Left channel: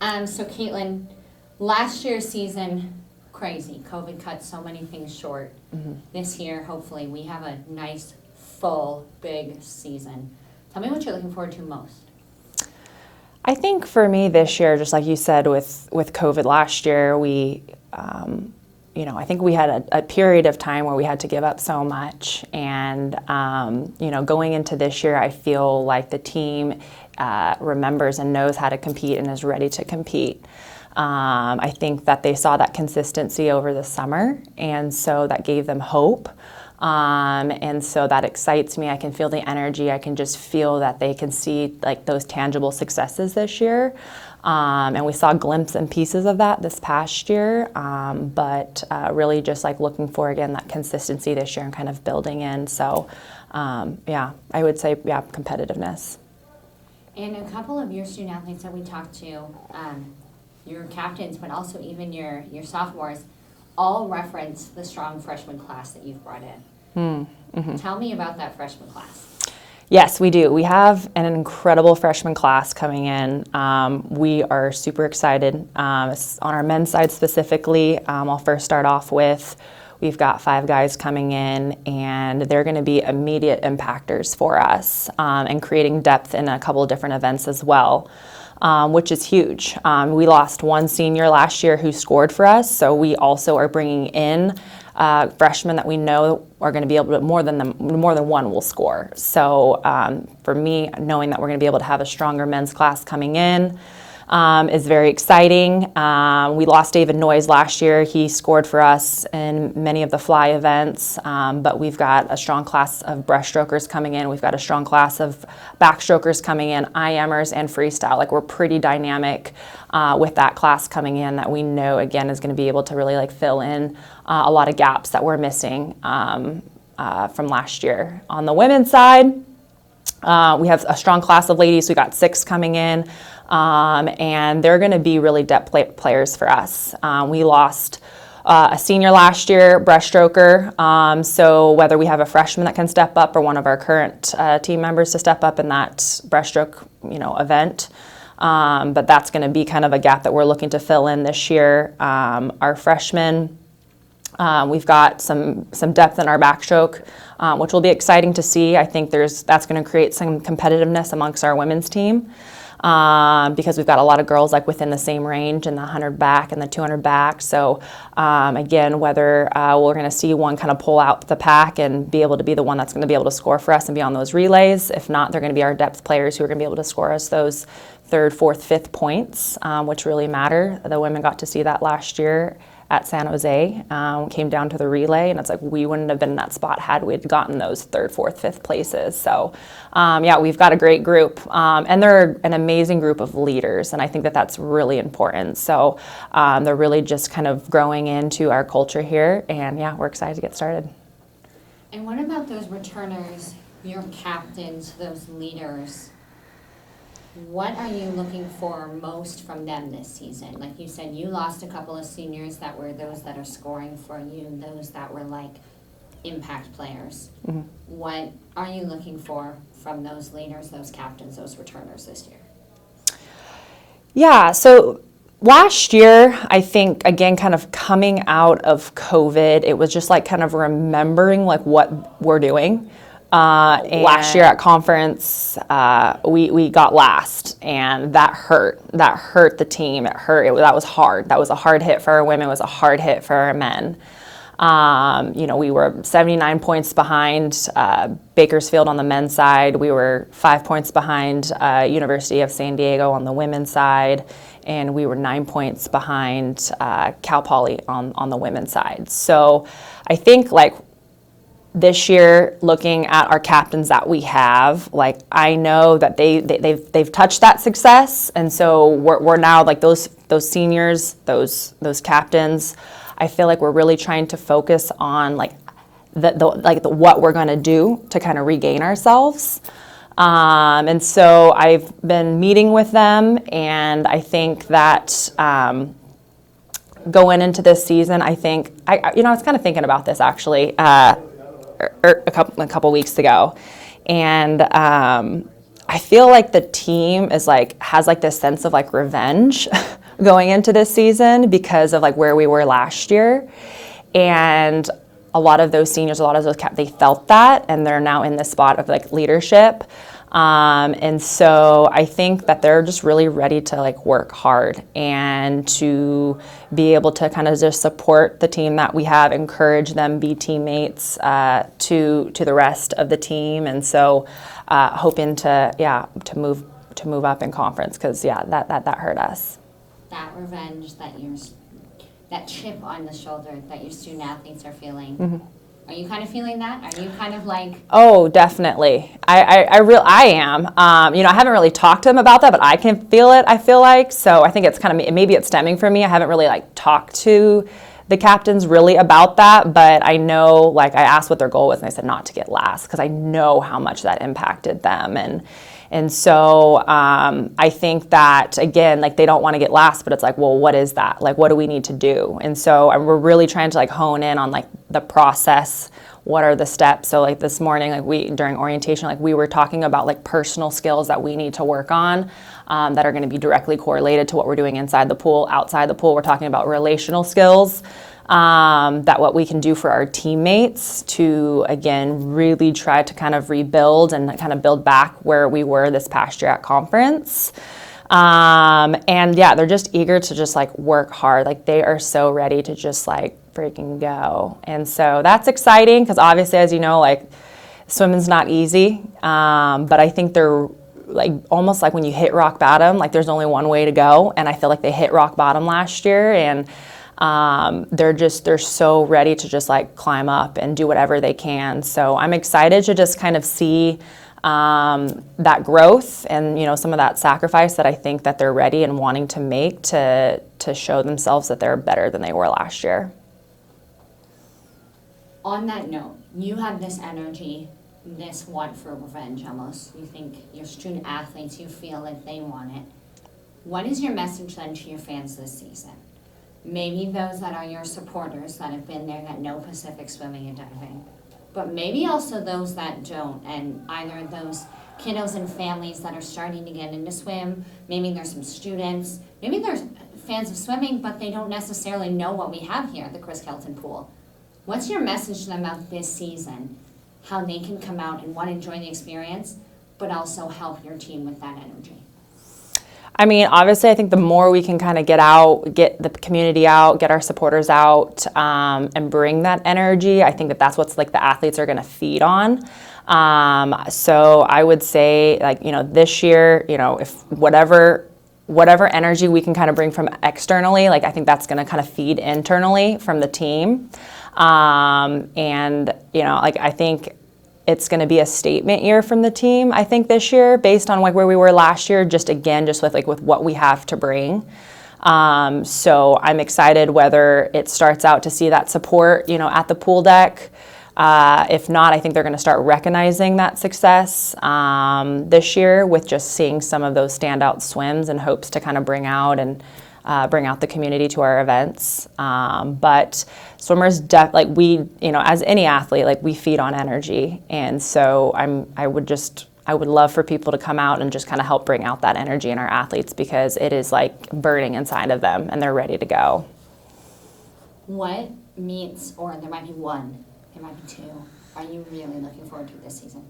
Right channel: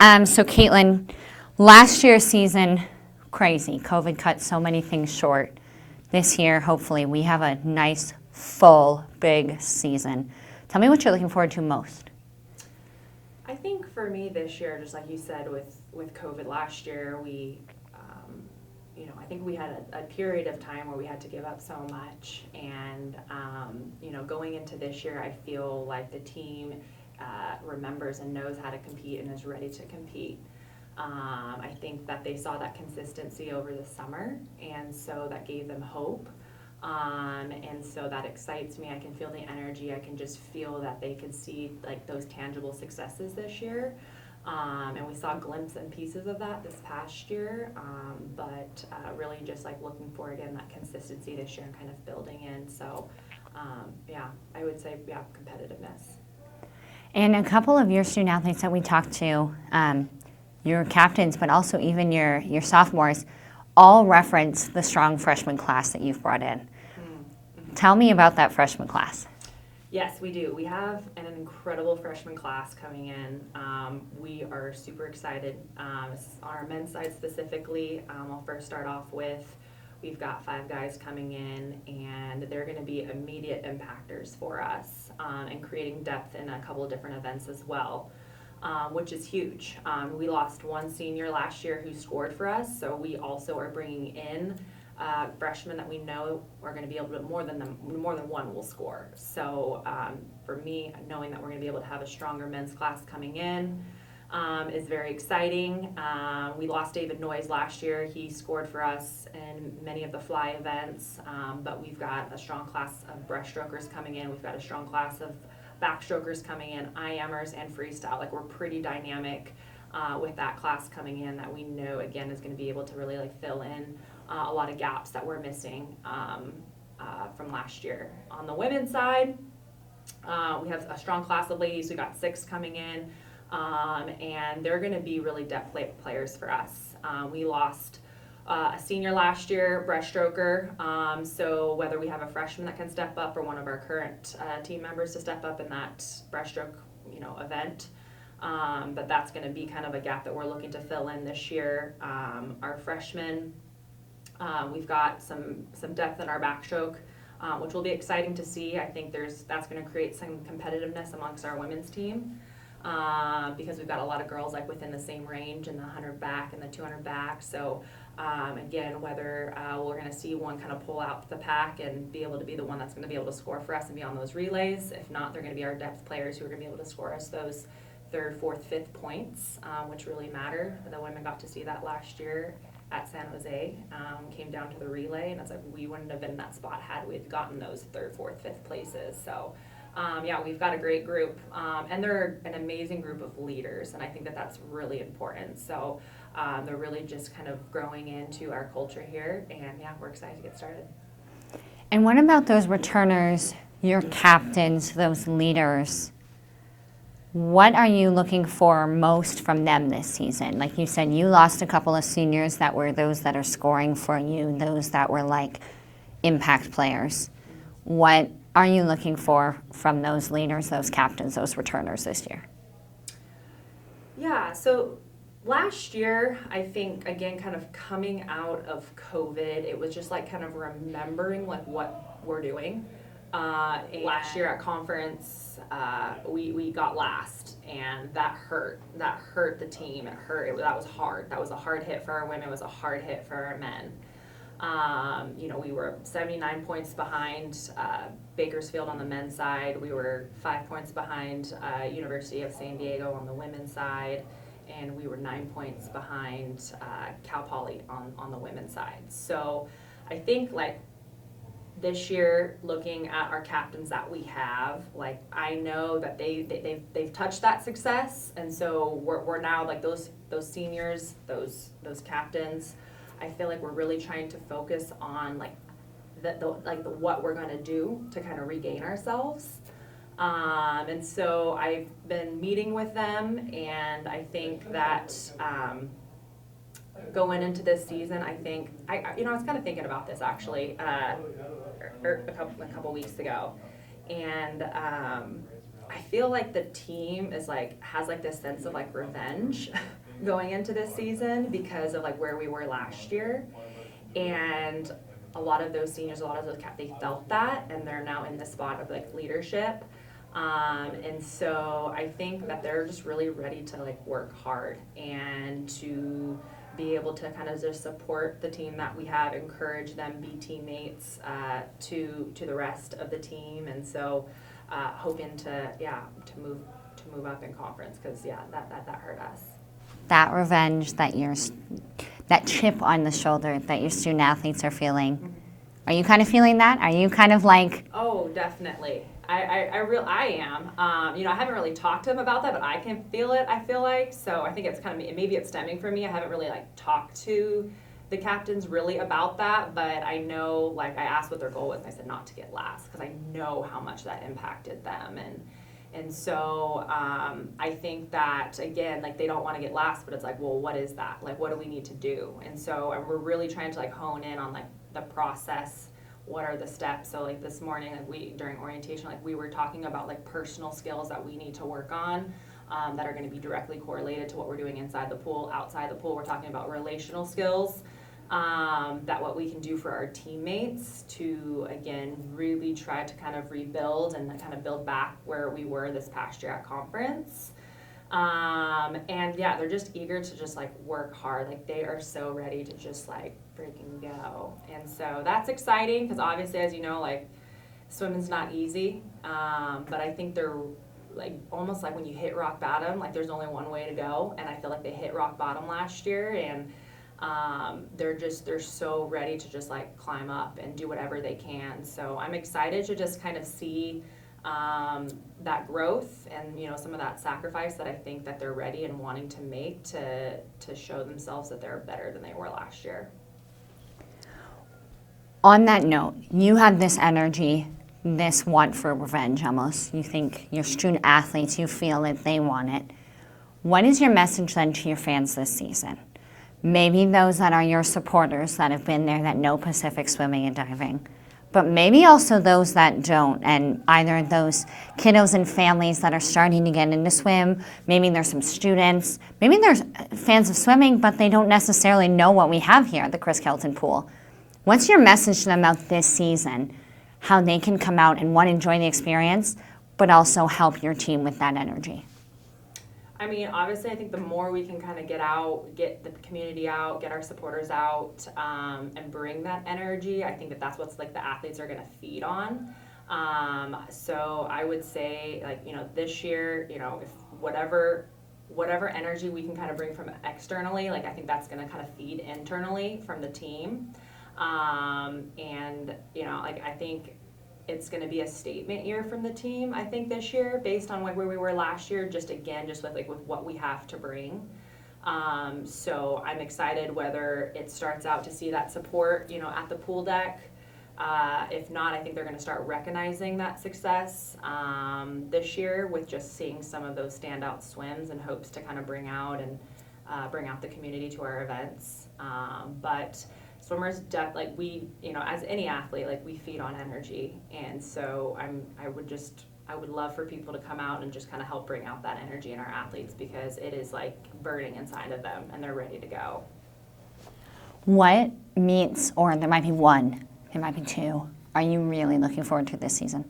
So Katelyne, last year's season, crazy. COVID cut so many things short. This year, hopefully, we have a nice, full, big season. Tell me what you're looking forward to most. I think for me this year, just like you said with COVID last year, I think we had a period of time where we had to give up so much. And, going into this year, I feel like the team remembers and knows how to compete and is ready to compete. I think that they saw that consistency over the summer, and so that gave them hope. And so that excites me. I can feel the energy. I can just feel that they can see like those tangible successes this year. And we saw glimpses and pieces of that this past year, but really just like looking for, again, that consistency this year and kind of building in. So, I would say, competitiveness. And a couple of your student athletes that we talked to, your captains, but also even your sophomores, all reference the strong freshman class that you've brought in. Mm-hmm. Tell me about that freshman class. Yes, we do. We have an incredible freshman class coming in. We are super excited. On our men's side specifically, I'll first start off with, we've got 5 guys coming in, and they're going to be immediate impactors for us, and creating depth in a couple of different events as well. Which is huge. We lost one senior last year who scored for us, so we also are bringing in freshmen that we know are going to be able to, more than one will score. So for me, knowing that we're going to be able to have a stronger men's class coming in is very exciting. We lost David Noyes last year. He scored for us in many of the fly events, but we've got a strong class of breaststrokers coming in. We've got a strong class of backstrokers coming in, IMers, and freestyle. Like, we're pretty dynamic with that class coming in that we know, again, is going to be able to really like fill in a lot of gaps that we're missing from last year. On the women's side, we have a strong class of ladies. We got 6 coming in. And they're going to be really depth players for us. We lost a senior last year, breaststroker. So whether we have a freshman that can step up or one of our current team members to step up in that breaststroke, event. But that's going to be kind of a gap that we're looking to fill in this year. Our freshmen, we've got some depth in our backstroke, which will be exciting to see. I think that's going to create some competitiveness amongst our women's team. Because we've got a lot of girls like within the same range in the 100 back and the 200 back. So again, whether we're going to see one kind of pull out the pack and be able to be the one that's going to be able to score for us and be on those relays. If not, they're going to be our depth players who are going to be able to score us those 3rd, 4th, 5th points, which really matter. The women got to see that last year at San Jose. Came down to the relay, and it's like we wouldn't have been in that spot had we gotten those 3rd, 4th, 5th places. So we've got a great group, and they're an amazing group of leaders, and I think that that's really important. So they're really just kind of growing into our culture here, and we're excited to get started. And what about those returners, your captains, those leaders? What are you looking for most from them this season? Like you said, you lost a couple of seniors that were those that are scoring for you, those that were like impact players. Mm-hmm. What are you looking for from those leaders, those captains, those returners this year? Yeah, so last year, I think, again, kind of coming out of COVID, it was just like kind of remembering like what we're doing. Last year at conference, we got last, and that hurt. That hurt the team. It hurt. That was hard. That was a hard hit for our women. It was a hard hit for our men. We were 79 points behind Bakersfield on the men's side. We were 5 points behind University of San Diego on the women's side, and we were 9 points behind Cal Poly on the women's side. So I think like this year, looking at our captains that we have, like I know that they've touched that success, and so we're now like those seniors, those captains. I feel like we're really trying to focus on like what we're going to do to kind of regain ourselves. And so I've been meeting with them, and I think that going into this season, I think I was kind of thinking about this actually. A couple weeks ago, and I feel like the team is like, has like this sense of like revenge going into this season because of like where we were last year. And a lot of those seniors, a lot of those they felt that, and they're now in this spot of like leadership. And so I think that they're just really ready to like work hard and to be able to kind of just support the team that we have, encourage them, be teammates to the rest of the team. And so hoping to move up in conference, because that hurt us. That revenge, that chip on the shoulder that your student athletes are feeling. Mm-hmm. Are you kind of feeling that? Are you kind of like? Oh, definitely. I am. I haven't really talked to them about that, but I can feel it, I feel like. So I think it's kind of, maybe it's stemming from me. I haven't really like talked to the captains really about that, but I know, like, I asked what their goal was, and they said not to get last, because I know how much that impacted them. And so I think that, again, like, they don't want to get last, but it's like, well, what is that? Like, what do we need to do? And so we're really trying to like hone in on like the process. What are the steps? So like this morning, like during orientation, like we were talking about like personal skills that we need to work on that are going to be directly correlated to what we're doing inside the pool. Outside the pool, we're talking about relational skills. That what we can do for our teammates to, again, really try to kind of rebuild and kind of build back where we were this past year at conference. And yeah, they're just eager to just like work hard. Like they are so ready to just like freaking go. And so that's exciting because obviously, as you know, like swimming's not easy. But I think they're like almost like when you hit rock bottom, like there's only one way to go. And I feel like they hit rock bottom last year, and they're so ready to just like climb up and do whatever they can. So I'm excited to just kind of see that growth and, you know, some of that sacrifice that I think that they're ready and wanting to make to show themselves that they're better than they were last year. On that note, you have this energy, this want for revenge almost. You think your student athletes, you feel that they want it. What is your message then to your fans this season? Maybe those that are your supporters that have been there that know Pacific swimming and diving, but maybe also those that don't, and either those kiddos and families that are starting to get into swim, maybe there's some students, maybe there's fans of swimming, but they don't necessarily know what we have here at the Chris Kelton Pool. What's your message to them about this season, how they can come out and want to enjoy the experience, but also help your team with that energy? I mean, obviously, I think the more we can kind of get out, get the community out, get our supporters out, and bring that energy, I think that that's what's like the athletes are going to feed on. So I would say, like, you know, this year, you know, if whatever energy we can kind of bring from externally, like I think that's going to kind of feed internally from the team. And, you know, like I think it's going to be a statement year from the team, I think, this year, based on like where we were last year, just with what we have to bring. So I'm excited whether it starts out to see that support, you know, at the pool deck. If not, I think they're going to start recognizing that success this year with just seeing some of those standout swims and hopes to kind of bring out the community to our events. But swimmers, like we, you know, as any athlete, like we feed on energy. And so I would love for people to come out and just kind of help bring out that energy in our athletes, because it is like burning inside of them and they're ready to go. What meets, or there might be one, there might be two, are you really looking forward to this season?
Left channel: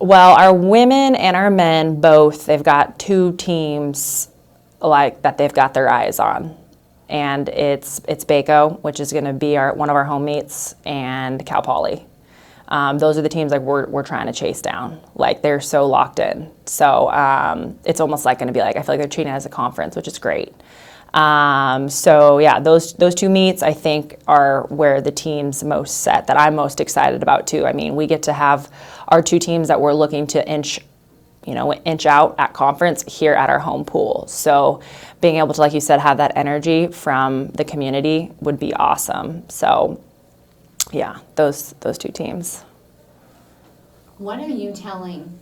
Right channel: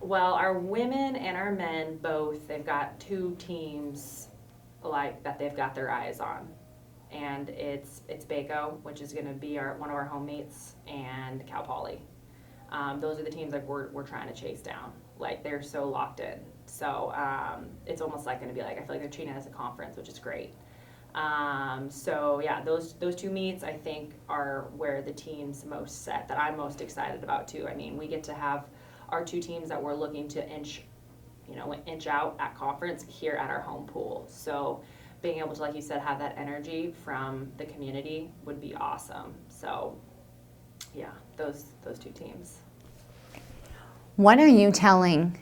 Well, our women and our men both, they've got two teams like that they've got their eyes on, and it's Baco, which is going to be one of our home meets, and Cal Poly. Those are the teams like we're trying to chase down. Like they're so locked in. So it's almost like going to be like, I feel like they're treating it as a conference, which is great. So yeah, those two meets I think are where the team's most set, that I'm most excited about too. I mean, we get to have our two teams that we're looking to inch out at conference here at our home pool. So being able to, like you said, have that energy from the community would be awesome. So yeah, those two teams. What are you telling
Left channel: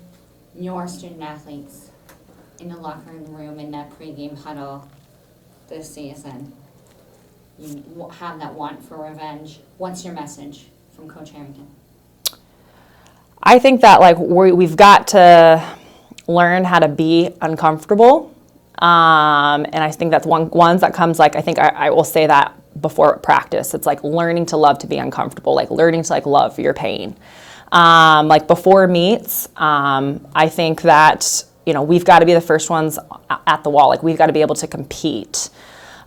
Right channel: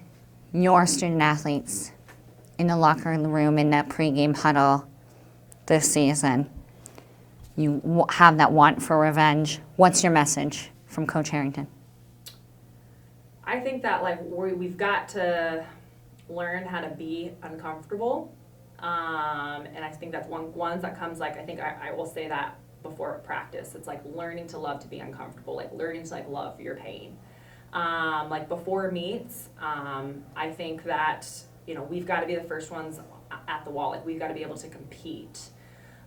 your student athletes in the locker room in that pregame huddle this season? You have that want for revenge. What's your message from Coach Herrington? I think that like we've got to learn how to be uncomfortable. And I think that's ones that comes like, I think I will say that before practice. It's like learning to love to be uncomfortable, like learning to like love your pain. Like before meets, I think that, you know, we've got to be the first ones at the wall. Like we've got to be able to compete.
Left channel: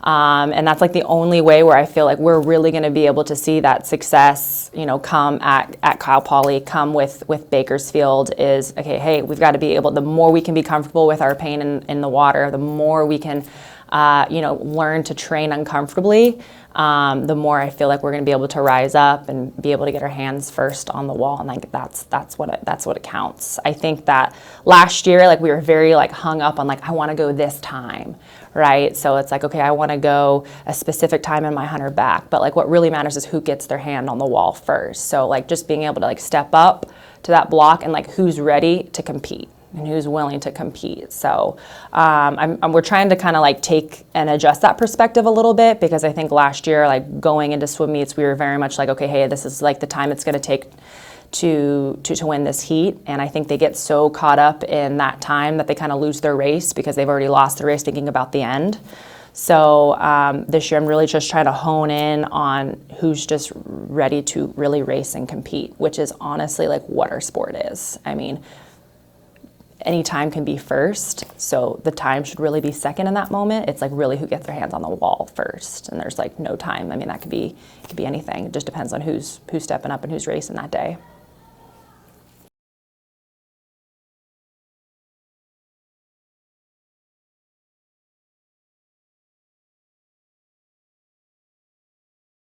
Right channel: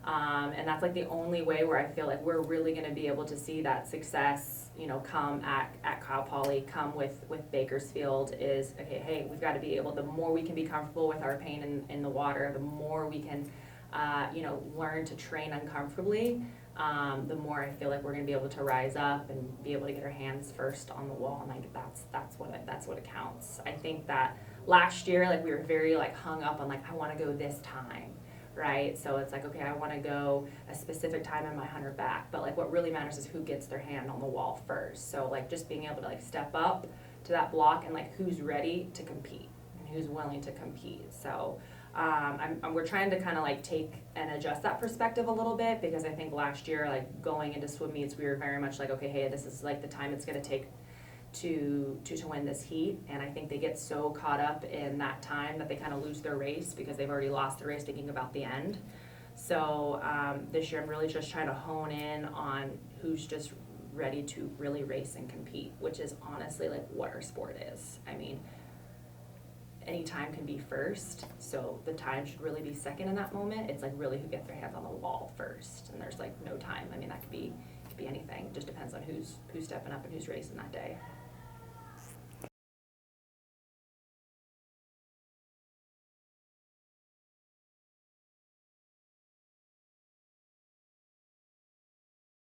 And that's like the only way where I feel like we're really going to be able to see that success, you know, come at Kyle Poly, come with Bakersfield is, okay, hey, we've got to be able, the more we can be comfortable with our pain in the water, the more we can, you know, learn to train uncomfortably, the more I feel like we're going to be able to rise up and be able to get our hands first on the wall. And like, that's what it counts. I think that last year, like we were very like hung up on like, I want to go this time. Right? So it's like, okay, I want to go a specific time in my 100 back, but like what really matters is who gets their hand on the wall first. So like just being able to like step up to that block and like who's ready to compete and who's willing to compete. So we're trying to kind of like take and adjust that perspective a little bit, because I think last year, like going into swim meets, we were very much like, okay, hey, this is like the time it's going to take to win this heat. And I think they get so caught up in that time that they kind of lose their race because they've already lost the race thinking about the end. So this year I'm really just trying to hone in on who's just ready to really race and compete, which is honestly like what our sport is. I mean, any time can be first, so the time should really be second in that moment. It's like really who gets their hands on the wall first, and there's like no time. I mean, that could be anything. It just depends on who's stepping up and who's racing that day.